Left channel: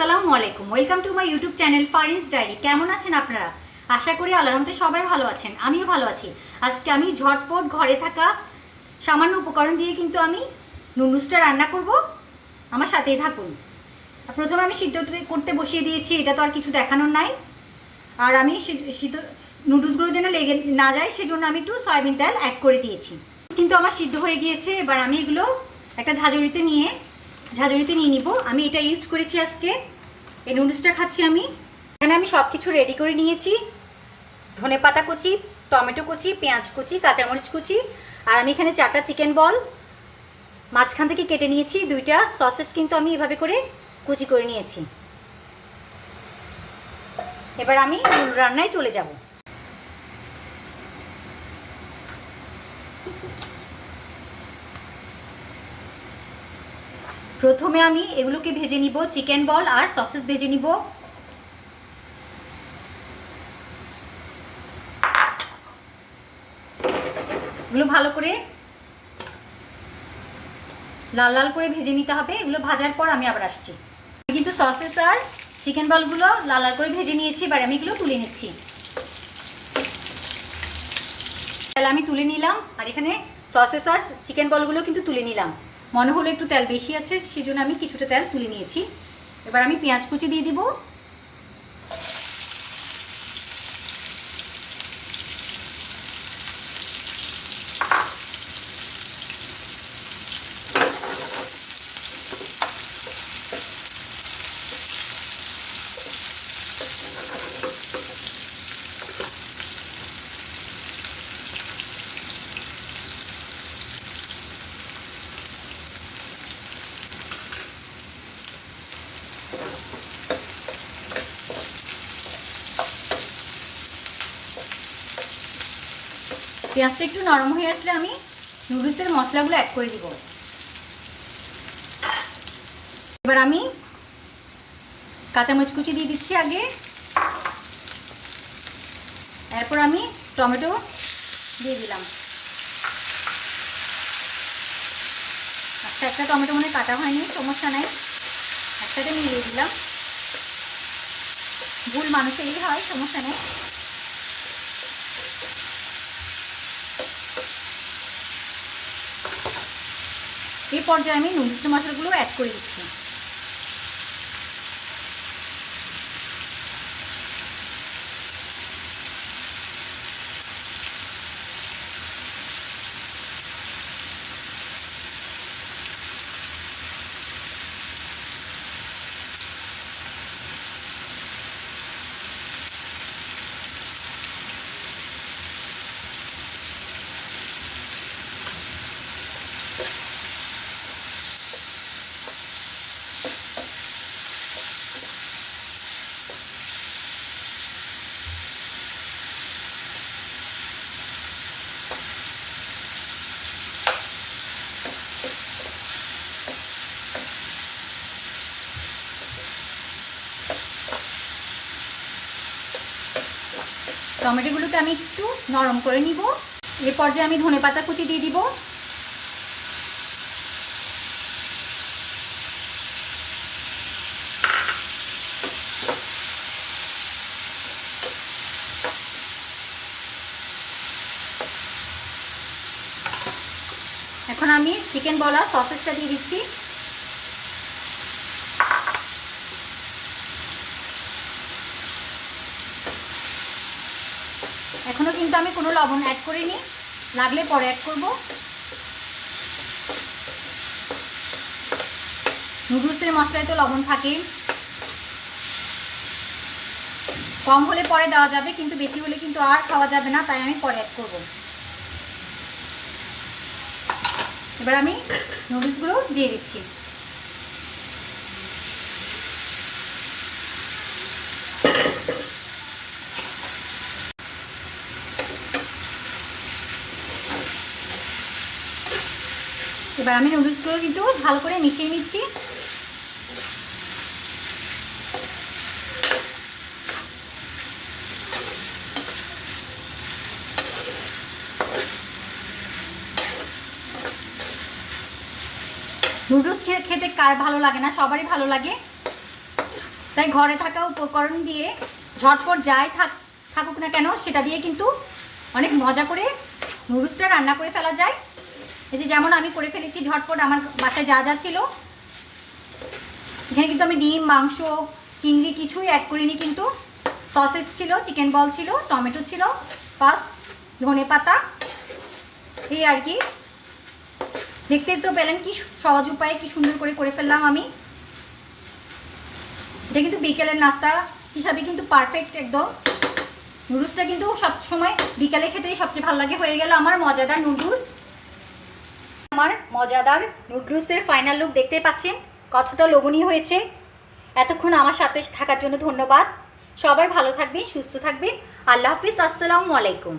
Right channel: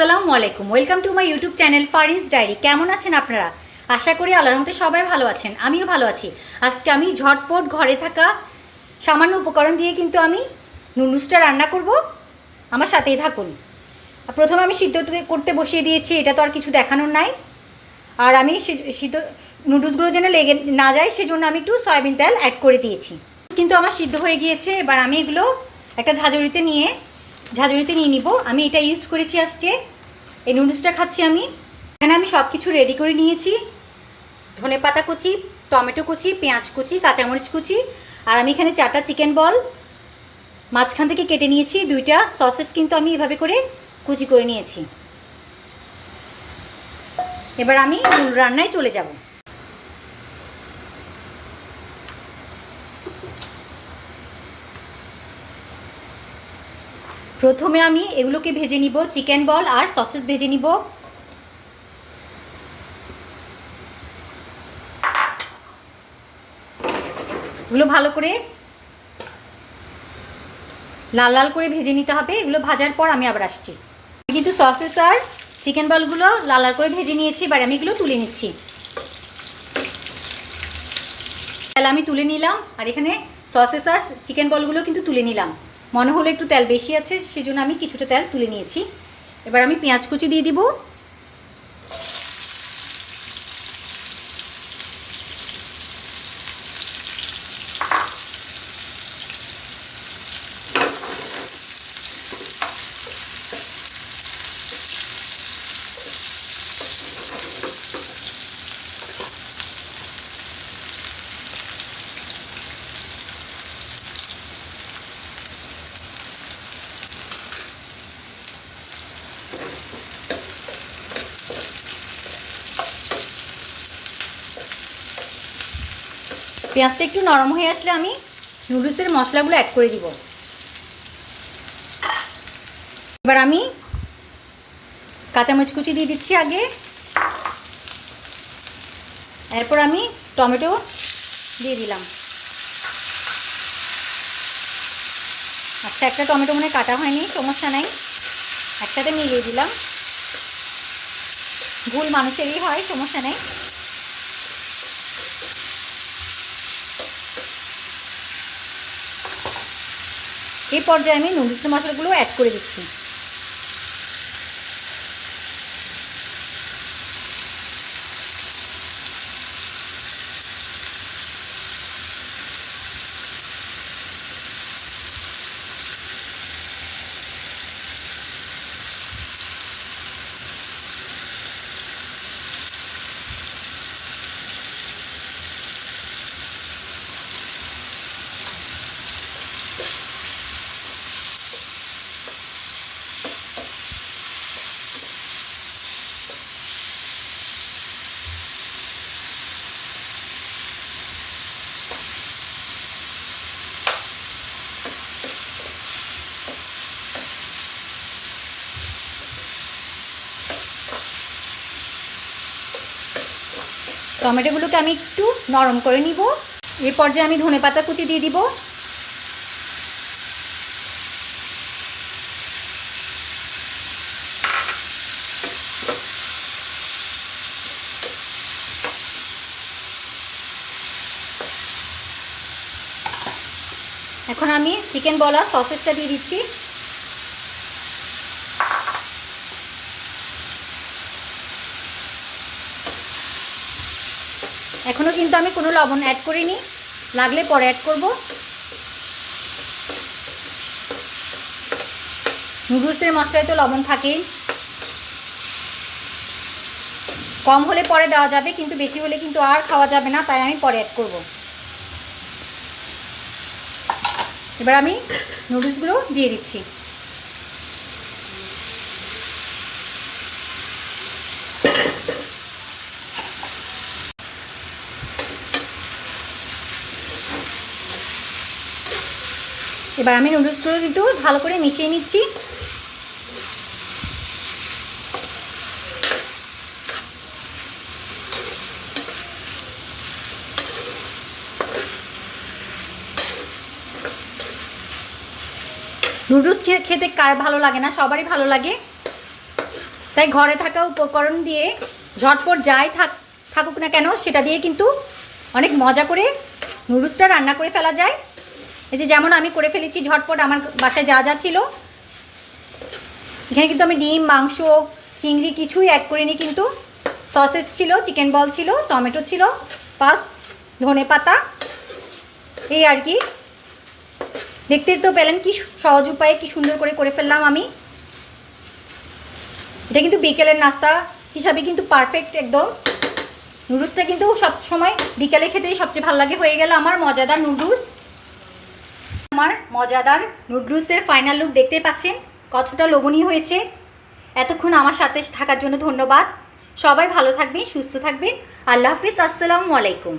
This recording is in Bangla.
আসসালামু আলাইকুম। Welcome to my YouTube channel Fariz diary কেমন আছেন আপনারা? আশা করি আল্লাহর রহমতে সবাই ভালো আছেন। আমিও ভালো আছি। আজকে আমি ঝটপট ঘরে থাকা সামান্য উপকরণ দিয়ে কিন্তু আমি নুডলসটা রান্না করব। আমার সাথেই থাকুন। প্রথমে আমি সিদ্ধ করতে বসিয়ে দিয়েছি, এটা তো আর কিছু দেখানোর নাই। আর আমি সিদ্ধ, নুডলসগুলো যেন লেগে না যায়, সেজন্য আমি একটু সয়াবিন তেল অ্যাড করে দিয়েছি। কিন্তু আমার সিদ্ধ হয়ে গিয়েছে, এবার আমি এগুলো একটা ঝাঁঝরিতে নিয়ে ঝাঁঝরিতে নিয়ে নিব। আমি এটা ইউজ করেছি আজকে। এই নুডলসটা খাচ্ছি আমি। এখানে আমি সব কিছু রেডি করে নিয়েছি। ধনে পাতা কুচি, টমেটো কুচি, পেঁয়াজ কুচি, কাঁচামরিচ কুচি। আর আমি এখানে চারটা চিকেন বল মাঝখান থেকে কেটে নিয়েছি দুইটা। সসেস কিন্তু আমি এভাবে করে কুচি করে নিয়েছি। এবার আমি মূল রান্নায় চলে যাব। প্রথমে আমি এগুলোকে ভেজে নিব চিকেন বল আর সসেস ভেজে নিব। এগুলো ভালো করে লাল লাল করে ভেজে নিতে হবে, এগুলো ভাজার পর আমি আবার আসছি। কিন্তু সসেস আর চিকেন বলগুলো লাল লাল করে ভেজে নিয়েছি, এবার আমি এগুলো তুলে নিচ্ছি। তাহলে আমি তুলে নিলাম, আর এখানে সসেস আর চিকেন বলগুলো কিন্তু তুলে নিলাম। মনে হলো একটু তেল বেশি আছে সেই জন্য আমি কিছুটা তেল তুলে নিয়েছি। এবার আমি পেঁয়াজ কুচি দিয়ে দিব। পেঁয়াজটা একটু নরম হয়ে আসলে আমি নুডলসের মশলাগুলো অ্যাড করে দিব। এবার আমি কাঁচামরিচ কুচি দিয়ে দিচ্ছি আগে। এরপর আমি টমেটো দিয়ে দিলাম। একটা একটা টমেটো মনে কাটা হয়নি, সমস্যা নাই। একসাথে মিলিয়ে দিলাম। ভুল মানুষেরই হয়, সমস্যা নেই। এই পর্যায়ে আমি নুডলস মশলাগুলো অ্যাড করে দিচ্ছি। টমেটোগুলোকে আমি একটু নরম করে নিব। এই পর্যায়ে আমি ধনে পাতা কুচি দিয়ে দিব এখন আমি চিকেন বলা সসেসটা দিয়ে দিচ্ছি। এখনও কিন্তু আমি কোনো লবণ অ্যাড করিনি। লাগলে পরে অ্যাড করব। নুডলসের মশলায় তো লবণ থাকেই। কম হলে পরে দেওয়া যাবে, কিন্তু বেশি হলে কিন্তু আর খাওয়া যাবে না, তাই আমি পরে অ্যাড করব। এবার আমি নুডলসগুলো দিয়ে দিচ্ছি। এবার আমি নুডলসগুলো কিন্তু ভালো করে মিশিয়ে নিচ্ছি। নুডলস খেতে কার ভালো লাগে না? সবারই ভালো লাগে। তাই ঘরে থাকা উপকরণ দিয়ে ঝটপট যাই থাক থাকুক না কেন, সেটা দিয়ে কিন্তু অনেক মজা করে নুডলসটা রান্না করে ফেলা যায়। এই যে যেমন আমি করে ফেলেছি ঝটপট, আমার বাসায় যা যা ছিল। এখানে কিন্তু আমি ডিম, মাংস, চিংড়ি কিছুই অ্যাড করিনি কিন্তু। সসেস ছিল, চিকেন বল ছিল, টমেটো ছিল পাস ধনে পাতা, এই আর কি। দেখতে তো পেলেন কি সহজ উপায়ে, কি সুন্দর করে করে ফেললাম আমি। এটা কিন্তু বিকেলের নাস্তা হিসাবে কিন্তু পারফেক্ট একদম। নুডলসটা কিন্তু সব সময় বিকালে খেতেই সবচেয়ে ভালো লাগে। হয়ে গেল আমার মজাদার নুডলস। আমার মজাদার নুডলসের ফাইনাল লুক দেখতে পাচ্ছেন, কতটা লোভনীয় হয়েছে। এতক্ষণ আমার সাথে থাকার জন্য ধন্যবাদ। সবাই ভালো থাকবেন, সুস্থ থাকবেন। আল্লাহ হাফিজ, আসসালামু আলাইকুম।